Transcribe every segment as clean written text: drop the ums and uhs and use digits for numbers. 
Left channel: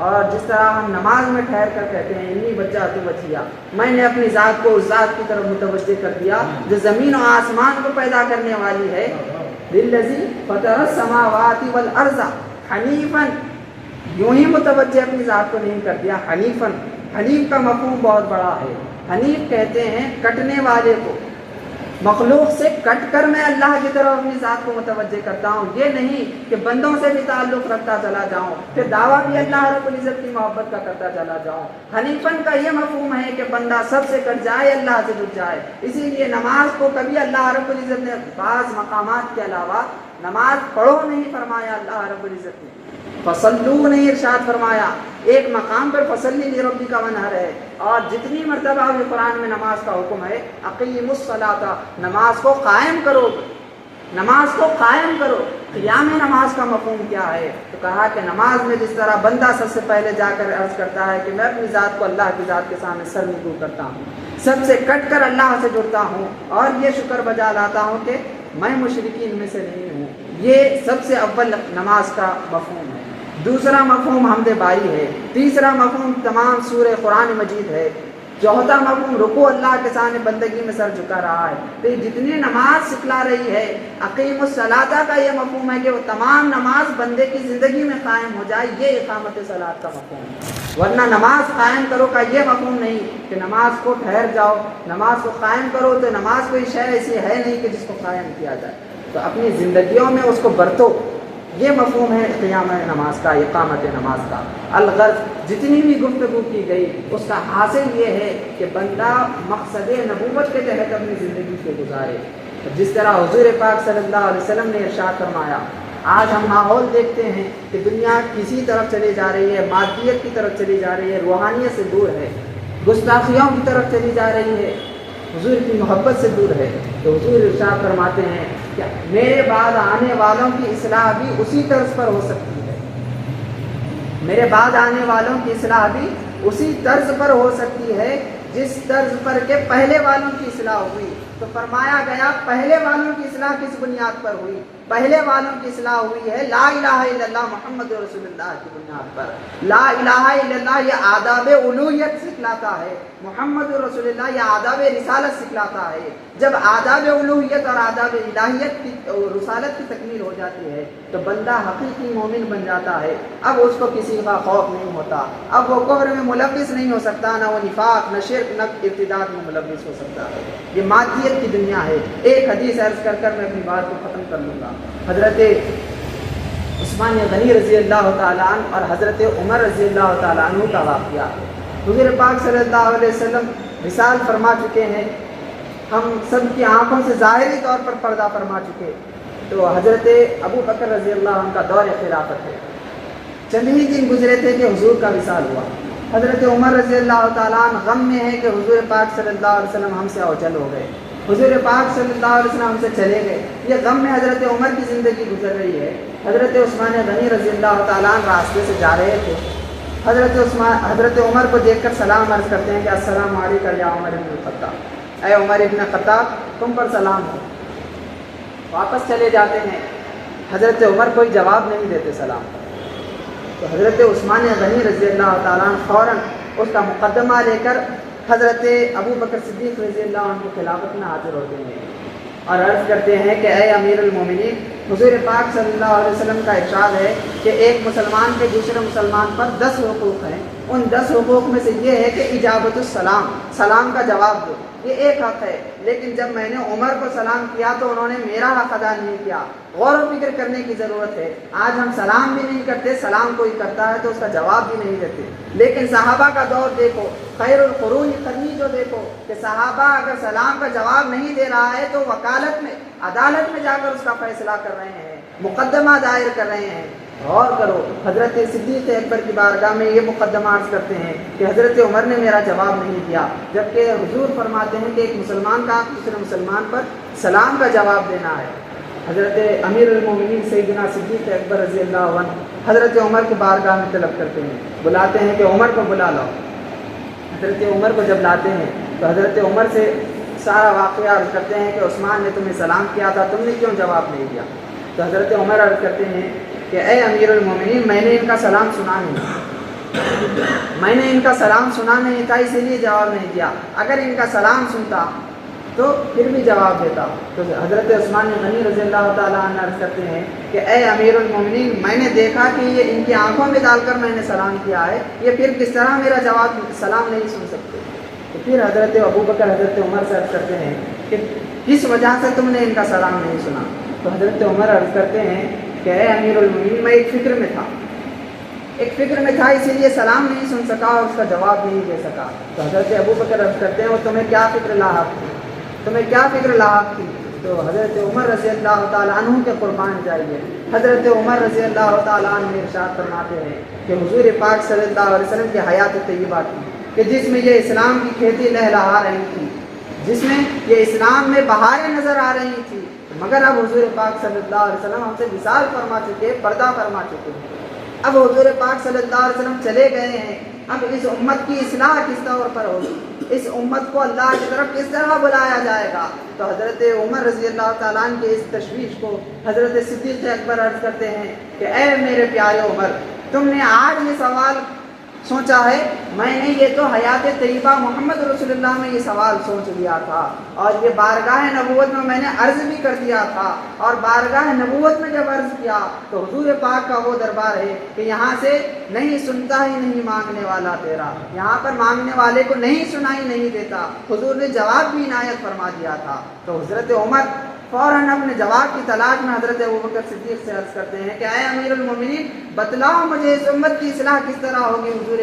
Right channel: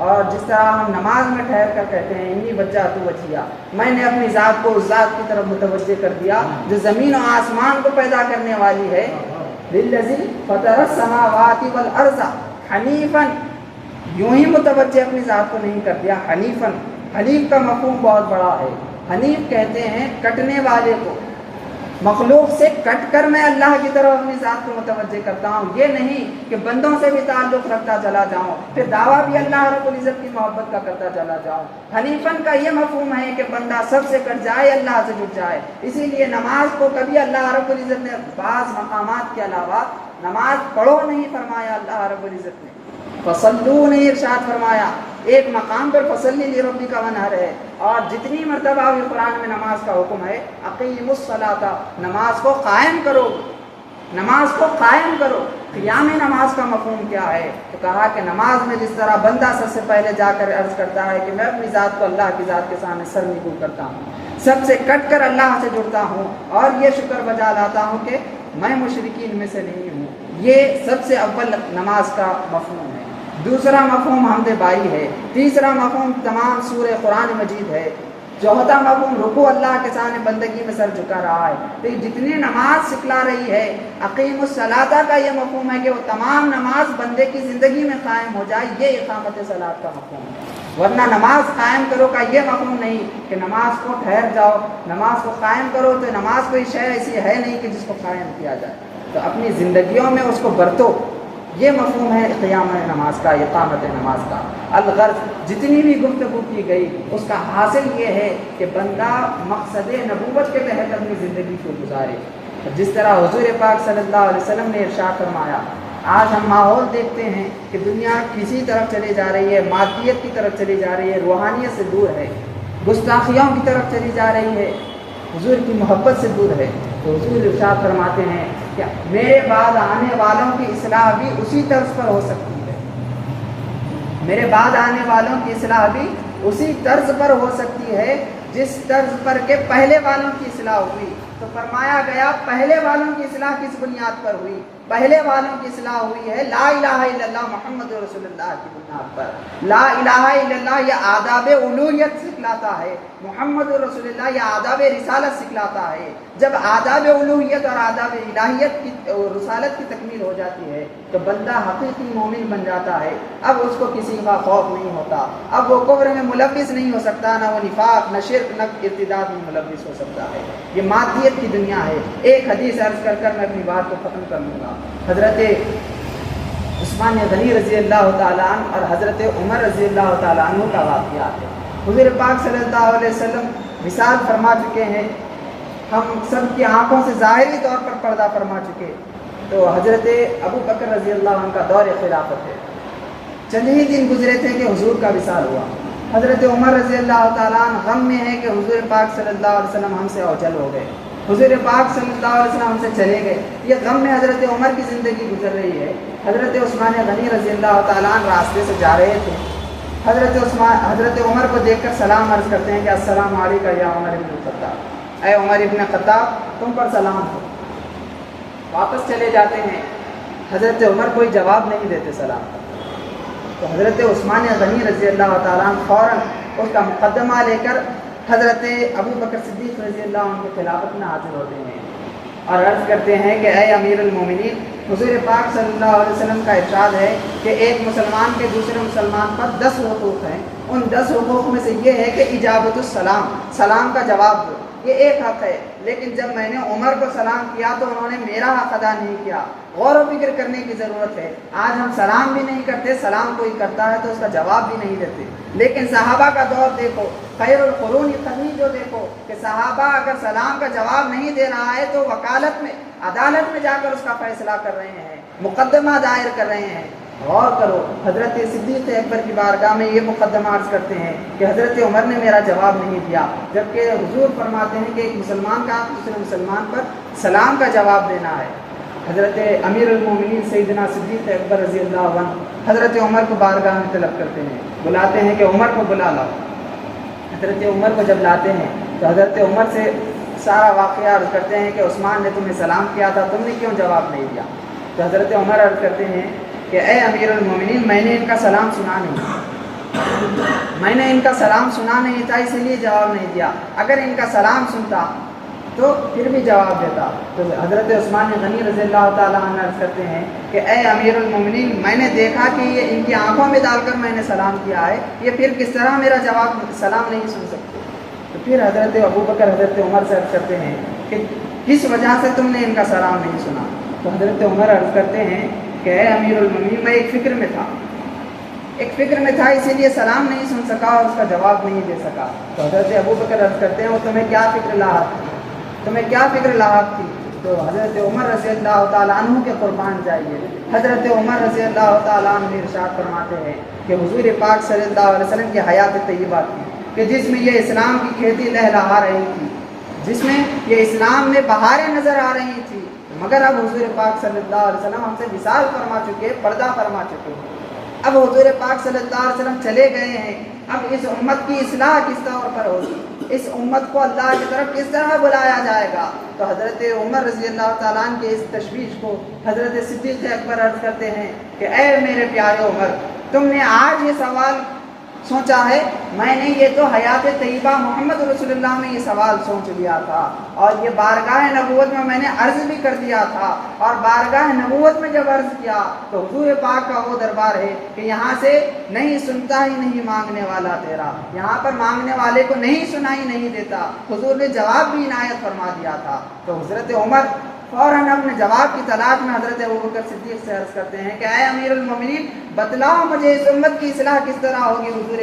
اور جس طرح ہم نماز میں ٹھہر کر کہتے ہیں انی وجہت وجہیا، میں نے اپنی ذات کو اس ذات کی طرف متوجہ کر دیا جو زمین و آسمان کو پیدا کرنے والی ہے، للذی فطر السماوات والارض حنیفا، یوں ہی متوجہ اپنی ذات کو نہیں کر دیا، حنیفا، حنیف کا مفہوم بہت بڑا ہے۔ حنیف کہتے ہیں کٹنے والے کو، مخلوق سے کٹ کر میں اللہ کی طرف اپنی ذات کو متوجہ کرتا ہوں، یہ نہیں کہ بندوں سے بھی تعلق رکھتا چلا جاؤں پھر دعویٰ بھی اللہ رب العزت کی محبت کا کرتا چلا جاؤں۔ حنیفن کا یہ مفہوم ہے کہ بندہ سب سے کٹ جائے، اللہ سے جڑ جائے۔ اسی لیے نماز کو کبھی اللہ رب العزت نے بعض مقامات کے علاوہ نماز پڑھو نہیں فرمایا اللہ رب العزت نے، فصلو نہیں ارشاد فرمایا، ایک مقام پر فصلی لربک ونحر ہے، اور جتنی مرتبہ بھی قرآن میں نماز کا حکم ہے اقیم الصلاۃ، نماز کو قائم کرو، نماز کو قائم کرو۔ قیام نماز کا مفہوم کیا ہے؟ تو کہا کہ نماز میں جس طرح بندہ سب سے پہلے جا کر عرض کرتا ہے کہ میں اپنی ذات کو اللہ کی ذات کے سامنے سر نگو کرتا ہوں، سب سے کٹ کر اللہ سے جڑتا ہوں اور یہ شکر بجا لاتا ہوں کہ میں مشرکین میں سے نہیں ہوں، یہ سب سے اول نماز کا مفہوم ہے۔ دوسرا مفہوم حمد باری ہے، تیسرا مفہوم تمام سورہ قرآن مجید ہے، چوتھا مفہوم رکوع اللہ کے سامنے بندگی میں سر جھکا رہا ہے۔ تو یہ جتنی نماز سکھلا رہی ہے، اقیم الصلاۃ کا یہ مفہوم ہے کہ وہ تمام نماز بندے کی زندگی میں قائم ہو جائے، یہ اقامت صلاۃ کا مفہوم ہے۔ ورنہ نماز قائم کرو کا یہ مفہوم نہیں کہ نماز کو ٹھہر جاؤ، نماز کو قائم کرو تو نماز کوئی شے ایسی ہے نہیں کہ جس کو قائم کیا جائے، تو اپنی زندگیوں میں اس کو برتو، یہ مفہوم ہے قیام نماز کا، اقامت نماز کا۔ الغرض جتنی بھی گفتگو کی گئی اس کا حاصل یہ ہے کہ بندہ مقصد نبوت کے تحت اپنی زندگی کو گزارے، جس طرح حضور پاک صلی اللہ علیہ وسلم نے ارشاد فرمایا۔ آج ہم ماحول دیکھتے ہیں کہ دنیا کسی طرف چلی جا رہی ہے، مادیت کی طرف چلی جا رہی ہے، روحانیت سے دور ہے، گستاخیوں کی طرف چلی جا رہی ہے، حضور کی محبت سے دور ہے۔ تو حضور ارشاد فرماتے ہیں کہ میرے بعد آنے والوں کی اصلاح بھی اسی طرز پر ہو سکتی ہے، میرے بعد آنے والوں کی اصلاح بھی اسی طرز پر ہو سکتی ہے جس طرز پر کہ پہلے والوں کی اصلاح ہوئی۔ تو فرمایا گیا پہلے والوں کی اصلاح کس بنیاد پر ہوئی؟ پہلے والوں کی اصلاح ہوئی ہے لا الہ الا اللہ محمد رسول اللہ کی بنیاد پر۔ لا الہ الا اللہ یہ آداب الوہیت سکھلاتا ہے، محمد رسول اللہ یہ آداب رسالت سکھلاتا ہے۔ جب آداب الوہیت اور آداب الہیت کی رسالت کی تکمیل ہو جاتی ہے تو بندہ حقیقی مومن بن جاتا ہے، اب اس کو کسی کا خوف نہیں ہوتا، اب وہ کفر میں ملوث نہیں ہو سکتا، نہ وہ نفاق، نہ شرک، نہ ارتداد میں ملوث ہو سکتا ہے۔ یہ مادیت کی دنیا ہے۔ ایک حدیث عرض کر کر میں اپنی بات کو ختم کر لوں گا۔ حضرت عثمان غنی رضی اللہ تعالیٰ عنہ اور حضرت عمر رضی اللہ تعالیٰ عنہ کا واقعہ ہے۔ حضور پاک صلی اللہ علیہ وسلم وصال فرما چکے ہیں، ہم سب کی آنکھوں سے ظاہری طور پر پردہ فرما چکے، تو حضرت ابو بکر رضی اللہ عنہ کا دور خلافت ہے، چند ہی دن گزرے تھے کہ حضور کا وصال ہوا۔ حضرت عمر رضی اللہ تعالیٰ عنہ غم میں ہے کہ حضور پاک صلی اللہ علیہ وسلم ہم سے اوجل ہو گئے، حضور پاک صلی اللہ علیہ وسلم ہم سے چلے گئے، یہ غم میں حضرت عمر کی زندگی گزر رہی ہے۔ حضرت عثمان غنی رضی اللہ تعالیٰ عنہ راستے سے جا رہے تھے، حضرت عمر کو دیکھ کر سلام عرض کرتے ہیں کہ السلام علیکم یا عمر ابن الخطاب، اے عمر ابن خطاب تم پر سلام ہو۔ واپس چلے جاتے ہیں، حضرت عمر کوئی جواب نہیں دیتے سلام کا، تو حضرت عثمان غنی رضی اللہ تعالیٰ عنہ فوراً اس کا مقدمہ لے کر حضرت ابو بکر صدیق رضی اللہ عنہ کی خلافت میں حاضر ہوتے ہیں اور عرض کرتے ہیں کہ اے امیر المومنین، حضور پاک صلی اللہ علیہ وسلم کا ارشاد ہے کہ ایک مسلمان کے دوسرے مسلمان پر 10 حقوق ہیں، ان 10 حقوق میں سے یہ ہے کہ اجابت السلام، سلام کا جواب دو، یہ ایک حق ہے، لیکن جب میں نے عمر کو سلام کیا تو انہوں نے میرا حق ادا نہیں کیا۔ غور و فکر کرنے کی ضرورت ہے، آج ہم سلام بھی نہیں کرتے، سلام کوئی کرتا ہے تو اس کا جواب بھی نہیں دیتے، لیکن صحابہ کا دور دیکھو، خیر القرون قرنی جو دیکھو کہ صحابہ اگر سلام کا جواب نہیں دے رہا ہے تو وکالت میں، عدالت میں جا کر اس کا فیصلہ کر رہے ہیں، مقدمہ دائر کر رہے ہیں۔ غور کرو، حضرت صدیق اکبر کی بارگاہ میں یہ مقدمہ عرض کرتے ہیں کہ حضرت عمر نے میرا جواب نہیں دیا، جبکہ حضور فرماتے ہیں کہ ایک مسلمان کا دوسرے مسلمان پر سلام کا جواب دینا ہے۔ حضرت امیر المومنین سیدنا صدیق اکبر رضی اللہ عنہ حضرت عمر کو بارگاہ میں طلب کرتے ہیں، بلاتے ہیں کہ عمر کو بلا لاؤ۔ حضرت عمر کو جب لاتے ہیں تو حضرت عمر سے سارا واقعہ عرض کرتے ہیں کہ عثمان نے تمہیں سلام کیا تھا، تم نے کیوں جواب نہیں دیا؟ تو حضرت عمر عرض کرتے ہیں کہ اے امیر المومنین، میں نے ان کا سلام سنا نہیں، میں نے ان کا سلام سنا نہیں تھا اسی لیے جواب نہیں دیا، اگر ان کا سلام سنتا تو پھر بھی جواب دیتا۔ تو حضرت عثمان غنی رضی اللہ تعالیٰ عنہ عرض کرتے ہیں کہ اے امیر المومنین، میں نے دیکھا کہ یہ ان کی آنکھوں میں ڈال کر میں نے سلام کیا ہے، یہ پھر کس طرح میرا جواب سلام نہیں سن سکتے۔ تو پھر حضرت ابو بکر حضرت عمر سے عرض کرتے ہیں کہ کس وجہ سے تم نے ان کا سلام نہیں سنا؟ تو حضرت عمر عرض کرتے ہیں کہ اے امیر المومنین، میں ایک فکر میں تھا اسی لیے سلام نہیں سن سکا اور اس کا جواب نہیں دے سکا۔ تو حضرت ابو بکر عرض کرتے ہیں وہ تمہیں کیا فکر لاحق تھی؟ تو حضرت عمر رضی اللہ تعالیٰ عنہ کے قربان جائیے، حضرت عمر رضی اللہ تعالیٰ عنہ ارشاد فرماتے ہیں کہ حضور پاک صلی اللہ علیہ وسلم کی حیات طیبہ تھی کہ جس میں یہ اسلام کی کھیتی لہلہا رہی تھی، جس میں یہ اسلام میں بہاریں نظر آ رہی تھی، مگر اب حضور پاک صلی اللہ علیہ وسلم ہم سے وصال فرما چکے، پردہ فرما چکے ہیں۔ اب حضور پاک صلی اللہ علیہ وسلم چلے گئے ہیں، اب اس امت کی اصلاح کس طور پر ہوگی، اس امت کو اللہ کی طرف کس طرح بلایا جائے گا؟ تو حضرت عمر رضی اللہ تعالیٰ عنہ کے اس تشویش کو حضرت صدیق اکبر عرض کرتے ہیں کہ اے میرے پیارے عمر، تم نے آج یہ سوال سوچا ہے، میں نے یہ تو حیات طیبہ محمد رسول اللہ میں یہ سوال سوچ لیا تھا، اور یہ بارگاہ نبوت میں نے عرض بھی کر دیا تھا، اور بارگاہ نبوت میں جب عرض کیا تو حضور پاک کا وہ دربار ہے کہ یہاں سے نہیں سنتا ہی نہیں مانگنے والا تیرا، یہاں پر مانگنے والے کو نہیں سنائی نہیں دیتا۔ حضور نے جواب بھی عنایت فرما دیا تھا۔ تو حضرت عمر فوراً اپنے جواب کی تلاش میں حضرت ابوبکر صدیق سے عرض کرتے ہیں کہ اے امیر المومنین، بتلاؤ مجھے اس امت کی اصلاح کس طرح ہوگی حضور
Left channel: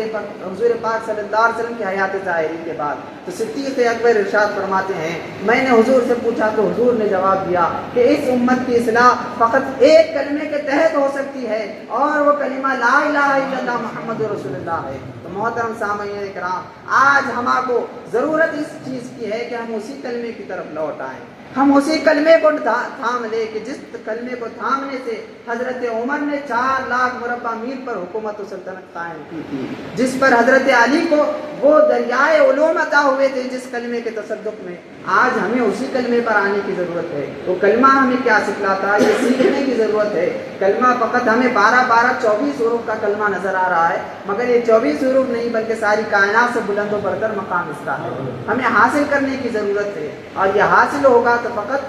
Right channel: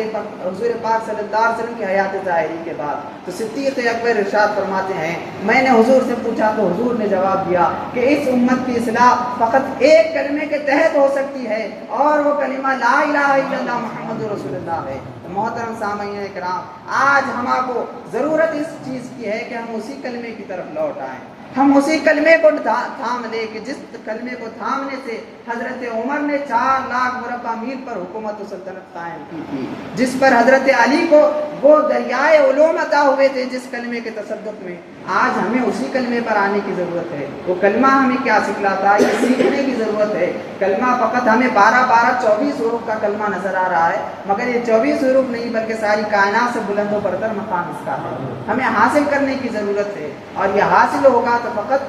پاک صلی اللہ علیہ وسلم کی حیات ظاہری کے بعد۔ تو صدیق اکبر ارشاد فرماتے ہیں میں نے حضور سے پوچھا تو حضور نے جواب دیا کہ اس امت کی اصلاح فقط ایک کلمے کے تحت ہو سکتی ہے، اور وہ کلمہ لا الہ الا اللہ محمد رسول اللہ ہے۔ تو محترم سامعین کرام، آج ہم کو ضرورت اس چیز کی ہے کہ ہم اسی کلمے کی طرف لوٹ آئیں، ہم اسی کلمے کو تھام لے کہ جس کلمے کو تھامنے سے حضرت عمر نے 4 لاکھ مربع میل پر حکومت و سلطنت قائم کی تھی، جس پر حضرت علی کو وہ دریائے علوم عطا ہوئے تھے جس کلمے کے تصدق میں۔ آج ہمیں اسی کلمے پر آنے کی ضرورت ہے۔ وہ کلمہ ہمیں کیا سکھلاتا ہے، یہ سیکھنے کی ضرورت ہے۔ کلمہ فقط ہمیں 24 حروف کا کلمہ نظر آ رہا ہے، مگر یہ 24 حروف نہیں بلکہ ساری کائنات سے بلند و برتر مقام اس کا ہے۔ ہمیں حاصل کرنے کی ضرورت ہے، اور یہ حاصل ہوگا تو فقط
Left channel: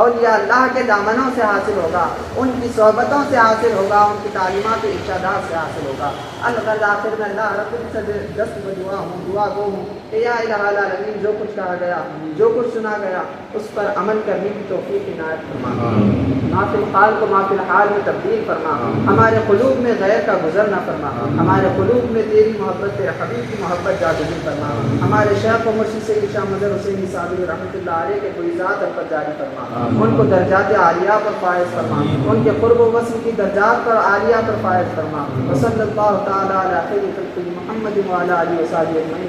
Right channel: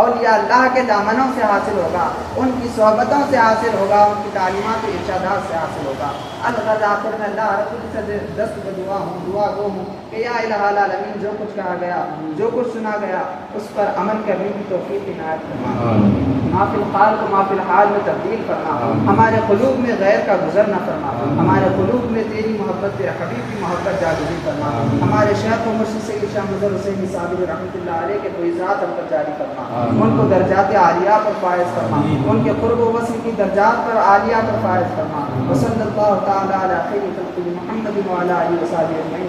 اولیاء اللہ کے دامنوں سے حاصل ہوگا، ان کی صحبتوں سے حاصل ہوگا، ان کی تعلیمات و ارشادات سے حاصل ہوگا۔ الغرض آخر میں اللہ رب العزت سے دست بدعا گو ہوں کہ یا الہ العالمین، جو کچھ کہا گیا، جو کچھ سنا گیا، اس پر عمل کرنے کی توفیق عنایت فرما، ما فی القال کو ما فی الحال میں تبدیل فرما، ہمارے قلوب میں غیر کا گزر نہ فرما، ہمارے قلوب میں تیری محبت، تیرے حبیب کی محبت جاگزی فرما، ہمارے شیخ و مرشد سید شاہ مظہر حسینی صابری رحمۃ اللہ علیہ کے کوئزات ہم پر جاری فرما، ان کو درجات عالیہ پر فائز فرما، ان کے قرب و وصل کی درجات پر عالیہ پر فائز فرما۔ وصلی اللہ تعالی علی خیر خلقہ محمد وعلی آلہ وصحبہ اجمعین۔